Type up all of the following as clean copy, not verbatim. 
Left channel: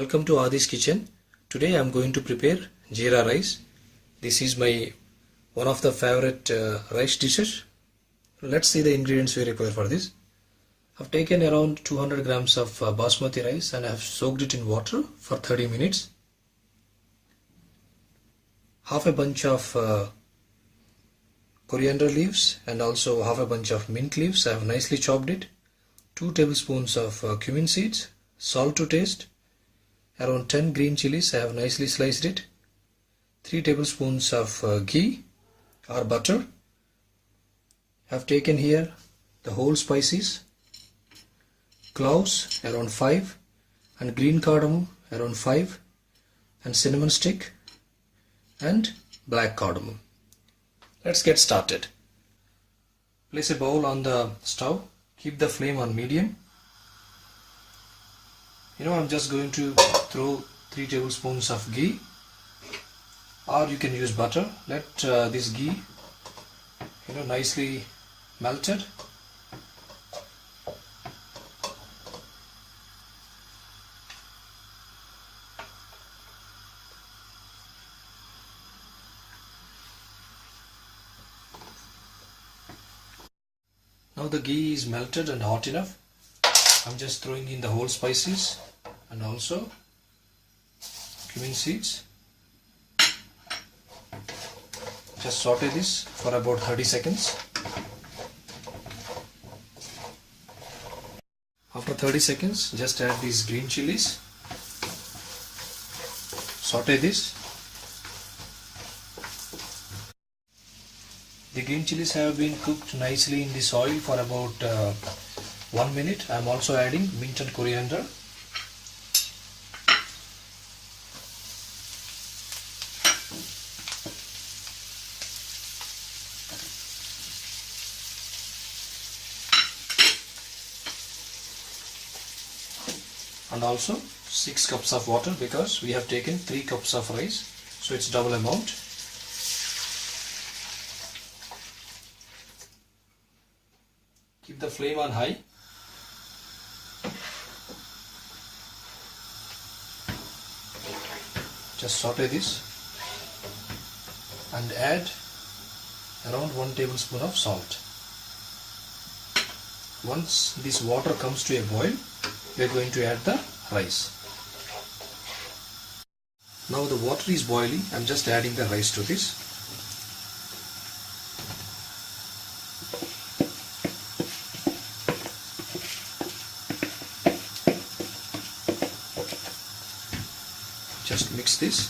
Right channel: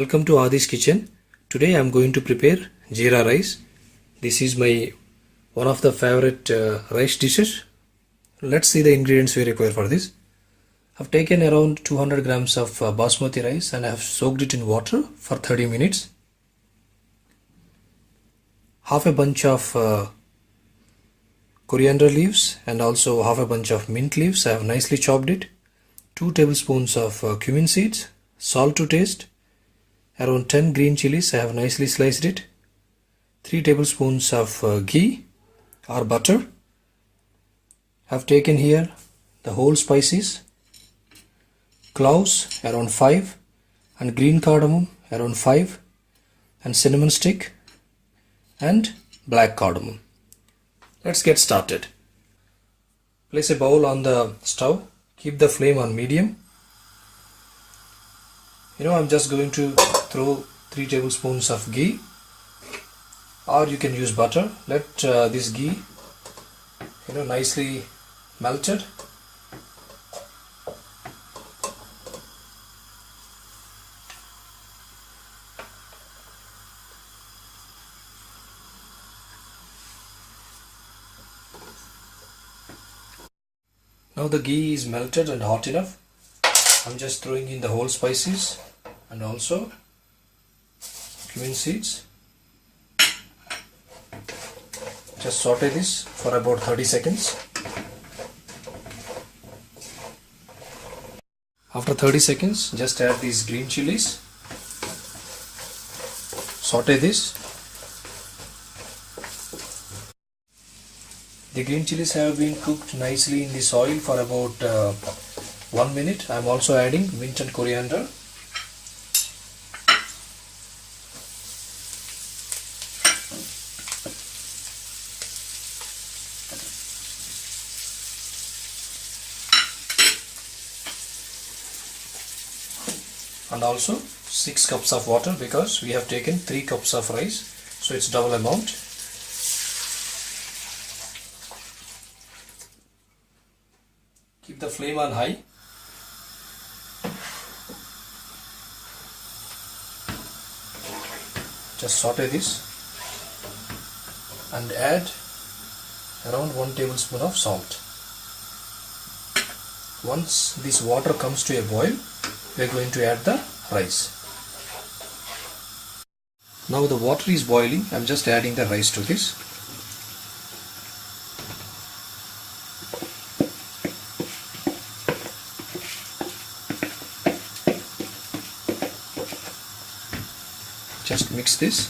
Welcome to Adi's kitchen. Today I am going to prepare Jeera rice. This is my one of the favorite rice dishes. Let's see the ingredients we require for this. I've taken around 200 grams of basmati rice and I have soaked it in water for 30 minutes. Half a bunch of coriander leaves and also half a bunch of mint leaves. I have nicely chopped it. 2 tablespoons of cumin seeds, salt to taste. Around 10 green chilies, I have nicely sliced it. 3 tablespoons of ghee or butter. I have taken here the whole spices, cloves around 5 and green cardamom around 5 and cinnamon stick and black cardamom. Let's get started. Place a bowl on the stove. Keep the flame on medium. I'm just going to throw 3 tablespoons of ghee, or you can use butter. Let this ghee nicely melted. Now the ghee is melted and hot enough. I'm just throwing in the whole spices and also cumin seeds. Just saute this for about 30 seconds. After 30 seconds, just add these green chilies. Saute this. The green chilies have been cooked nicely in this oil for about 1 minute. I am also adding mint and coriander. And also 6 cups of water, because we have taken 3 cups of rice, so it's double amount. Keep the flame on high. Just saute this and add around 1 tablespoon of salt. Once this water comes to a boil, we are going to add the rice. Now the water is boiling. I'm just adding the rice to this. Just mix this.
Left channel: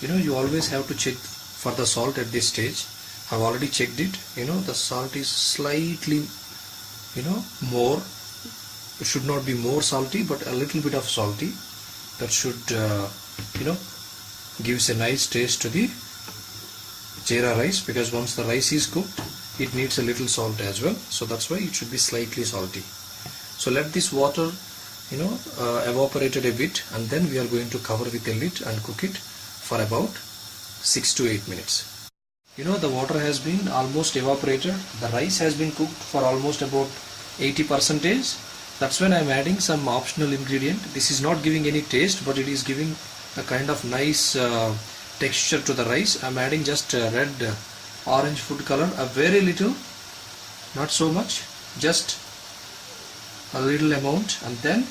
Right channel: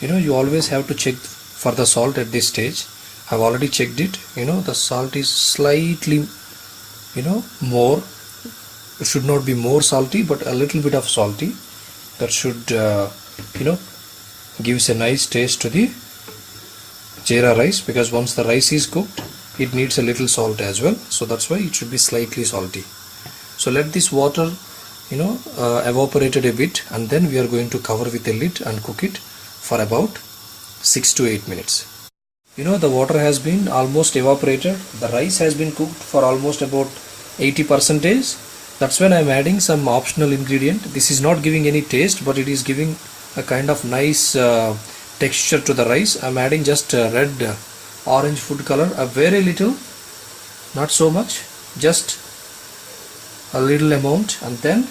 You always have to check for the salt at this stage. I've already checked it. The salt is slightly more. It should not be more salty, but a little bit of salty. That should gives a nice taste to the jeera rice, because once the rice is cooked, it needs a little salt as well. So that's why it should be slightly salty. So let this water evaporated a bit, and then we are going to cover with a lid and cook it for about 6 to 8 minutes. The water has been almost evaporated. The rice has been cooked for almost about 80%. That's when I'm adding some optional ingredient. This is not giving any taste, but it is giving a kind of nice texture to the rice. I'm adding just red orange food color, a very little, not so much, just a little amount, and then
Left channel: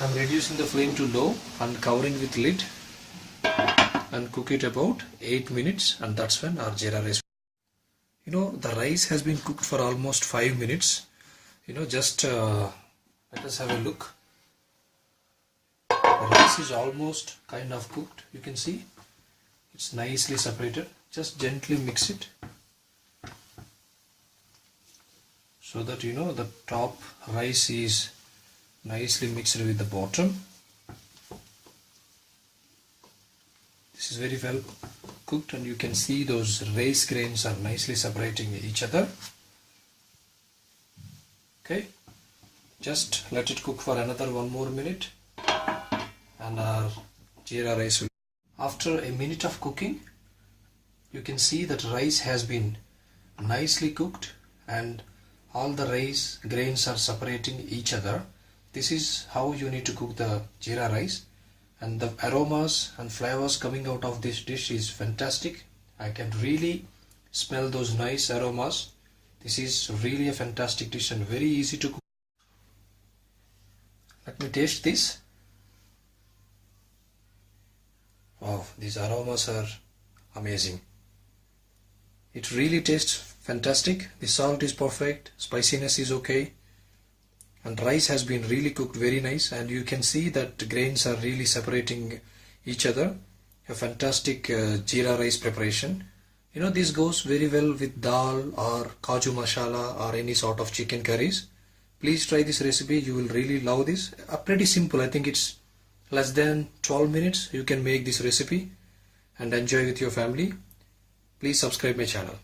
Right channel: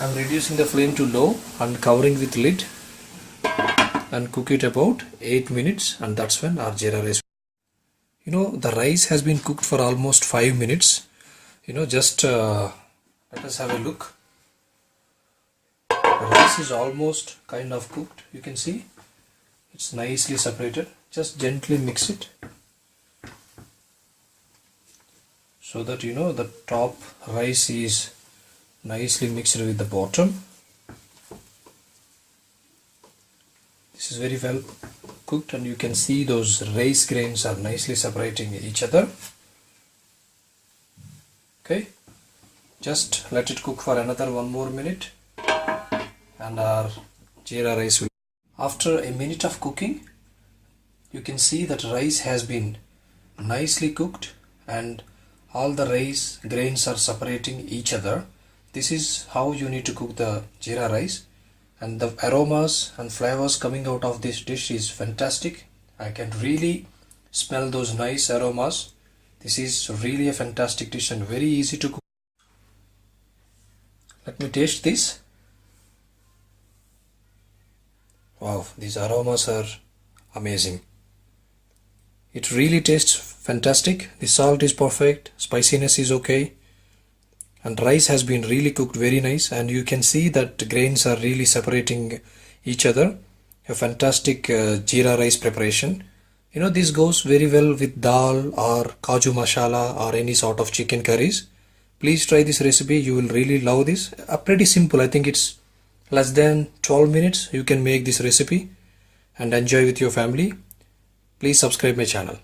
I'm reducing the flame to low and covering with lid and cook it about 8 minutes, and that's when our jeera rice. The rice has been cooked for almost 5 minutes. Just let us have a look. The rice is almost kind of cooked. You can see it's nicely separated. Just gently mix it so that the top rice is nicely mixed with the bottom. This is very well cooked, and you can see those rice grains are nicely separating each other. Okay, just let it cook for another 1 more minute and our jeera rice will. After a minute of cooking, you can see that rice has been nicely cooked and all the rice grains are separating each other. This is how you need to cook the jeera rice, and the aromas and flavors coming out of this dish is fantastic. I can really smell those nice aromas. This is really a fantastic dish and very easy to cook. Let me taste this. Wow, these aromas are amazing. It really tastes fantastic. The salt is perfect, spiciness is okay, and rice has been really cooked very nice, and you can see that grains are really separating each other. A fantastic jeera rice preparation. You know, this goes very well with dal or kaju masala or any sort of chicken curries. Please try this recipe, you will really love this. Pretty simple, I think it's less than 12 minutes you can make this recipe and enjoy with your family. Please subscribe my channel.